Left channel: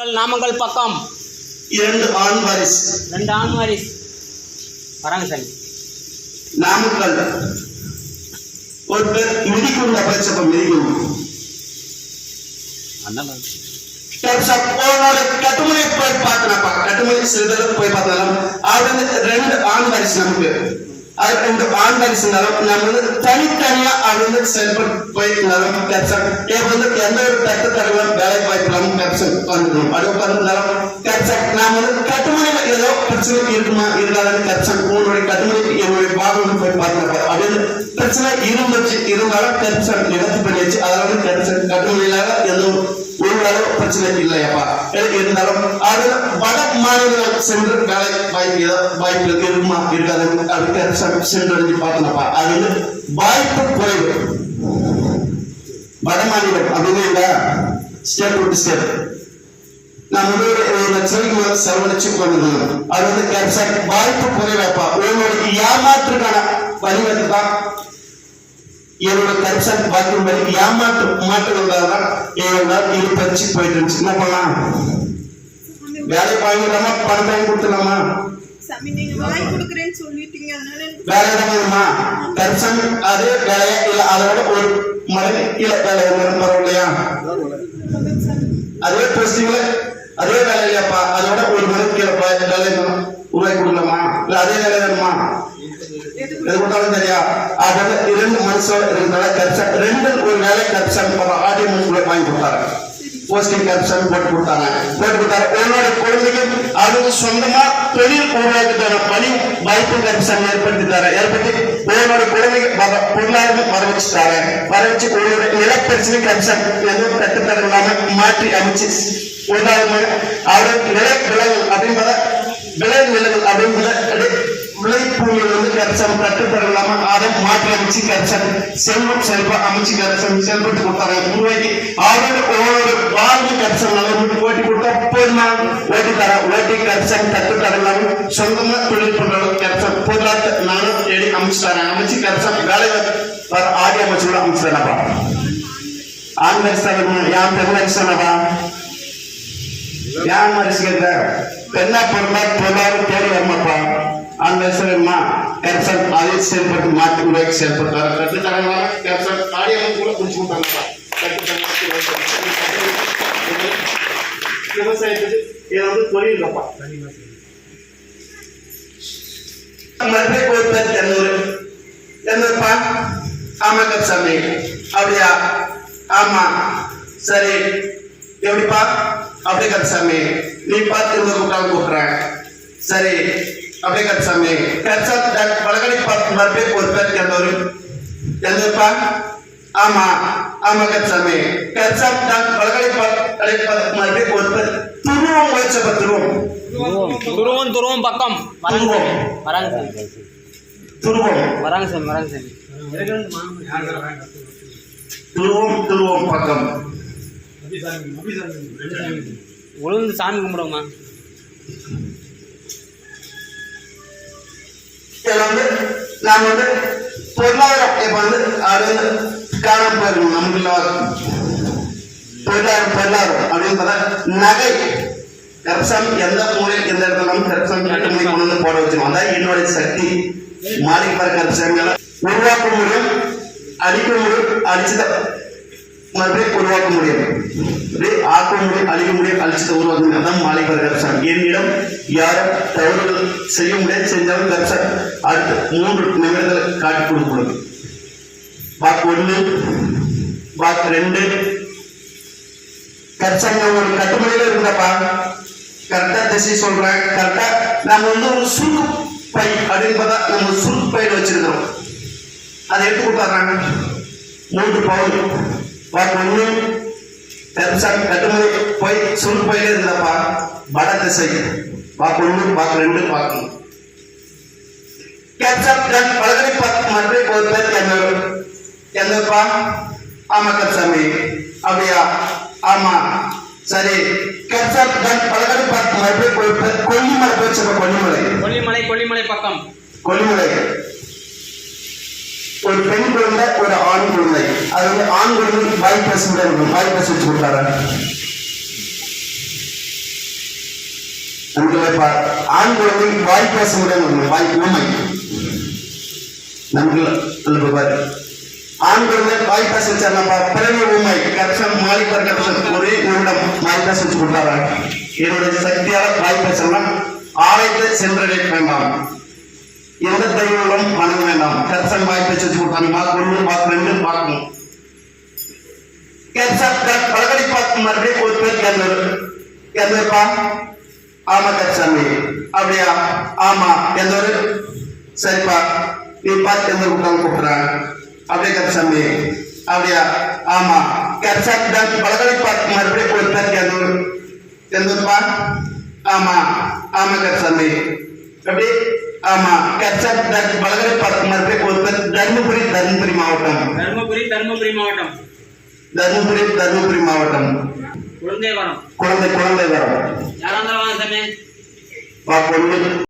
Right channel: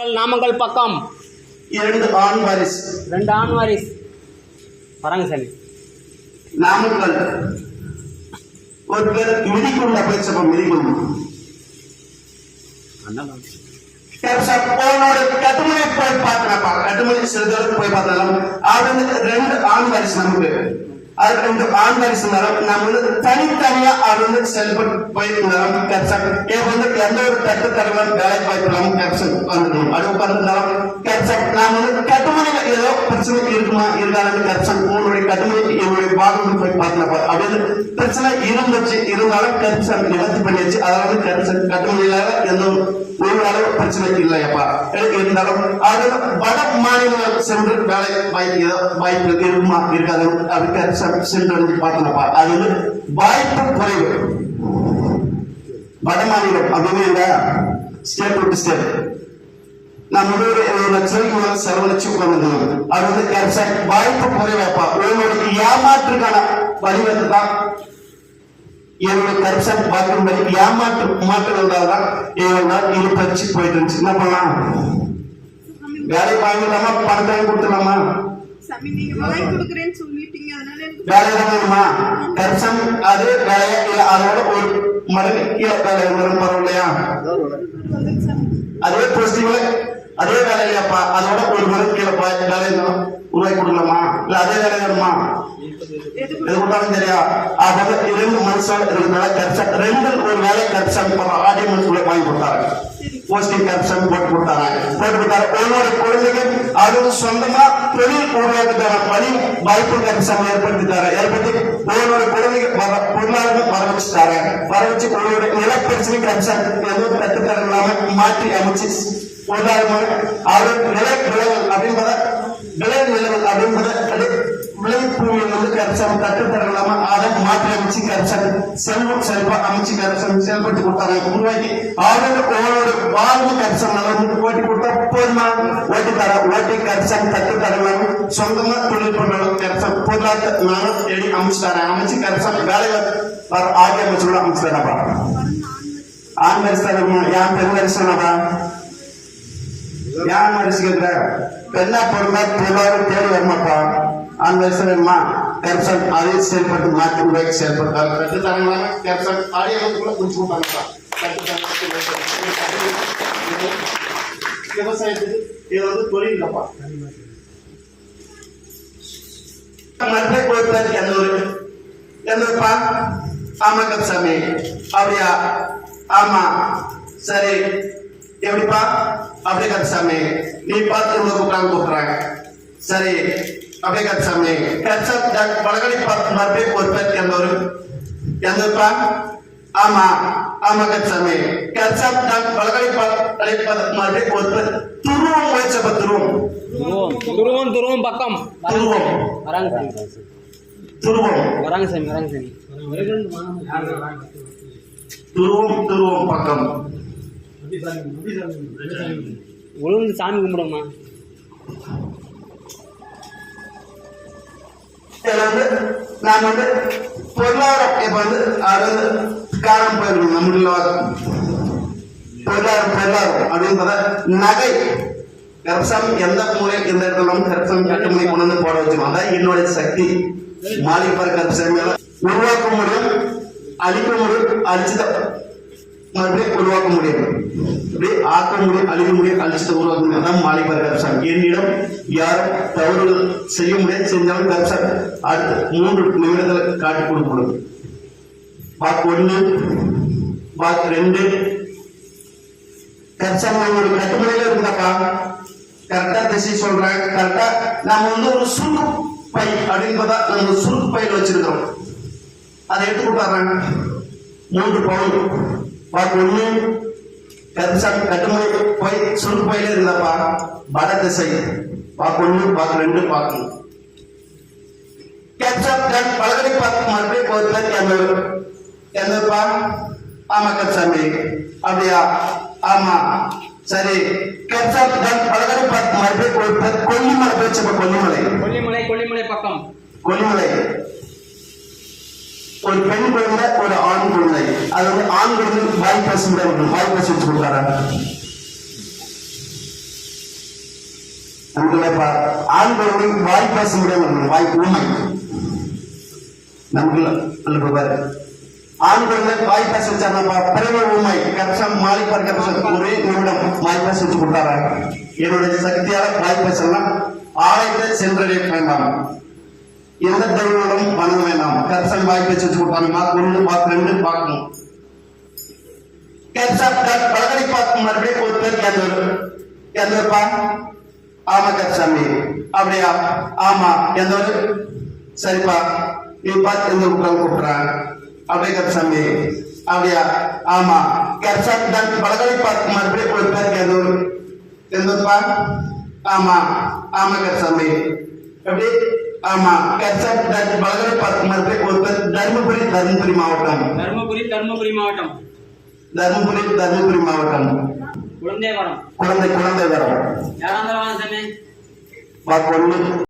நாமக்கல் பக்கம் 2 ஆண் வாரிசு. 2 ஆண் வாரிசு வராங்க சாமி. நாமக்கல் ஒரு பேர் மிதிக்குள்ள பச்சப்ப மிதிக்கும் அண்ணன் கட்டுமணி போய் பார்த்தனப்பா. கட்டுமணி செல்வதற்கு போய் பார்த்தாலும் அது 2 ஆண் வாரிசு நமக்கு. அது 2 ஆண் வாரிசு நம்ம தனித்தனியா அது செயல்பட்டு போயிருந்தாலும் எந்த ஒரு தட்டு தரலாம் வேலை வாய்ப்பு இல்லாம உட்காந்துக்கணும். அது உட்கார்ந்துருந்தாலும் நாம கட்டுமணியில ஏதோ பிரச்சனை இருக்குமா இருந்தாலும் உங்களுடைய கட்டுமணி என்னுடைய பாகம் போய் பார்த்தனப்பா அப்படின்னு பிரச்சனை இருந்துச்சு. இருந்தாலும் நிவர்த்தி பண்ணியாச்சு. அதனால கட்டுமணியில எந்த ஒரு அளவு பிரச்சனை இல்லையப்பா. இருந்தாலும் அதுல வட மாநிலம் சென்று வேலை வாய்ப்பு இருக்குமா இருக்காது அதுக்கு சென்று பார்த்தனப்பா. அது வாய்ப்பு குறைவு. வட மாநிலம் அப்படின்னு ஸ்டேட் விட்டு ஸ்டேட் நான் லட்சம் செலவழிச்சு உட்கார்ந்து அது வாய்ப்பு குறைவாப்பா. உங்களுடைய ஏமாற்றுக்கான வழிவகுப்பு தான் என்னோட கருப்ஷன் வாய்ப்பு வரைக்கும் மாற்றம் வந்தால்தான் எங்களால் இது பறிச்சு போயிட்டு இருந்துச்சு. என்ன பண்ணலாம்? வேலை வாங்கிடலாமா பணம் வாங்கி கொடுத்துடலாமா? வேலை வேணுமா? கருப்ஷன் அதே வேலையா இல்ல அதோட ஒரு மடங்கு கீழே வேலை வரும் இல்லையா? அதே போஸ்டிங்ல அதே வேலை இல்லையாப்பா அதோட ஒரு மடங்கு கீழே வேலை உருவாக்கி கொடுக்கலாமா? இல்ல அதே வேலை வேணுமா? எது கொடுத்தாலும் சரியா? அதாவது 2 மனுஷன் இருக்கிறதால 2 ஒரு வேலை கருப்ஷன் ஆடியோ மனுஷன் வாங்கி கொடுத்தாரு. போஸ்டிங் கருப்ஷன் போட்டு கொடுத்தாங்க. உங்களோட குழந்தைக்கு அது சொந்தமா தொழில் உருவாக்கிட்டார பணி வாய்ப்பு கருப்ஷன் ஏற்படுத்தி உங்களோட குழந்தைக்கு பொருளாதாரம் வர வச்சுட்டாரு. வர வச்சு உங்களோட நிலப்பிரச்சனை கருப்ஷன் ஏதோ கட்டுத்தரம் இல்லாம மாற்றி அமைச்சு பொருளாதார அவருக்கு விளைவுகள் அப்படின்றத விளைபூமியில் கருப்ஷன் கட்டுத்தரலாம அதை மாற்றி அமைச்சு கருப்ஷன் செல்வா அமைச்சு கருப்ஷன் செயல்பட்டு கொடுத்தாங்க. உருவாக்கி அவரோட வாழ்வு கருப்ஷன் ஓட்டி கொடுத்தா போதுமா? ஓட்டி தர ஓட்டி கருப்ஷன் கட்டுத்தரலாம் சொந்தமா தொழில் பண்ற கருப்ஷன் பொருளாதார நானும் தேடி அமைச்சு தரேன். அமைச்சு கருப்ஷன் வேலை வர ஆடி அமைச்சு கூட அமைச்சு தரப்பா. ஆண் வரிசை யான் பெண் வரிசைனாப்பா யான் வரிசை கேட்கிற பெண்ணா பிறந்தா பொருளாதார தேவை வரமாப்பா. ஆண் வரிசை வேணுமா? கருப்ஷன் அதை செயல்பட்டு மாற்றி உருவாக்கி செயல்படுத்தாரு. கட்டுத்தரங்களாக கருப்ஷன் ஆடி அமைச்சு கூட குடிச்சு கொடுத்தாங்கப்பா. விவசாயத்துக்கு இது தொழில் இல்லப்பா. மதுரை கோயில் என்னப்பா? ஆமா கருப்சாமி அப்படியா? ஆமா சரி எப்படிப்பா? அப்படியே கருப்சாமி நீ பார்த்து உட்காந்து கூப்பிடுறேன். சரி அப்படியே கருப்சாமி வடகடி பார்த்து மறுபடியும் ஒரு பேர் எந்தப்பா? ஆமா ஆமா கருப்சாமி வடகடி மறுபடியும் ஒரு பேர் துருவம் வச்சப்ப துருவம் பக்கம் வராங்க சாமி. துருவம் பக்கம் உழுந்து சாமி கும்பிடுவோமா? நான் பொருளாதாரம் இப்ப அது காரணம் போயிருக்கணும். நமக்கு பொருளாதாரம் அப்படின்னு நகை கருப்ஷன் எந்த மூலையில் எந்த இடத்துல கருப்ஷன் கட்டுமணி கொண்டு வந்து போட வச்சோம். அதான் என்னுடைய சக்தி. மாளிகை கருப்ஷன்களை உருவாக்க முடியும், அழிக்க முடியும், அழிச்சத மறுபடியும் உருவாக்க முடியும், ஆக்க முடியும், அழிக்க முடியும், அழிச்சத உருவாக்க முடியும். அதான் மாளிகை கருப்ஷன். என்னிடம் யாரும் தவறுகள் செய்ய முடியாது. செஞ்சாலும் கருப்ஷன் அடுத்து 3 நிமிடத்தில் காட்டி கொடுக்கணும். பாக் 1 பாக் 2 கருப்ஷன் ஒரு கட்டுமணியில இருந்தாப்பா. கரெக்டா திசை சொல்றேன். கரெக்டா நாம ஒரு சுருக்கு பை அப்படின்னு நம்ம சுருக்கு பையில வச்சிருக்கிறோம். அதை எடுத்து கொடுத்தாங்க 3 பவுன். பாக் 1 கருப்ஷன் கட்டுமணி போய் சுருக்கு பையில இருந்தாப்பா. வட திசை பாக் 1 பாக் 2 பாக் 3 கருப்ஷன் பலகடி பார்த்து மறுபடியும் ஒரு பேர் எந்தப்பா? ஆமா கருப்சாமி அப்படியா? ஆமா சரி கருப்ஷன் பலகடி பார்த்து மறுபடியும் ஒரு பேர் கொல்லிமலை போச்சு. கொல்லிமலை பக்கம் கொல்லிமலை ஒரு பெண் குழந்தை ஒரு ஆண் குழந்தை. அது ஆண் குழந்தை வாய் பேச முடியாது. வாய் பேச வச்சு கொடுத்தாரு. நமக்கு ஆண் குழந்தை வாய் பேச முடியாது, வாய் ஊமை. நமக்கு நல்ல பாரு ஆண் குழந்தை வாய் பேச வச்சாருப்பா, பிறகு ஊமை. கரெக்டாக மாளிகர் கரெக்டாக ஒரே நிமிடம் வாய் பேச வச்சு கொடுத்தாரா. என்னுடைய சக்தியால வாய் பேசலாம். ஆலயத்தை சென்றடைய வேண்டாம், எந்த தெய்வங்களும் வணங்க வேண்டாம். கரெக்டாக வாய் பேச வச்சு கொடுத்தாங்க. மார்க் 1 மார்க் 2 பார்க்கணும். பலகடி பார்த்து மறுபடியும் ஒரு பேர் எந்தப்பா? ஆமா கச்சாமி. அப்படியா? ஆமா. எந்த ஒரு? சரிப்பா, நீ பார்த்து எந்த கூப்பிடுறாங்க. அப்படியே கச்சாமி. அப்படியா? ஆமா. பலகடி பார்த்து மறுபடியும் ஒரு பேர் எந்த ஒரு? எந்தப்பா? ஆமா. ஆமா கச்சாமி. எப்படி? ஆமா. பலகடி பார்த்து மறுபடியும் ஒரு பேர் தர்மபுரி மாவட்டம். தர்மபுரி மாவட்டம். தர்மபுரி மாவட்டம். குழந்தை வரம். குழந்தை வரம். யாராந்தாலும் வாங்க சாமி. வாக்கு 1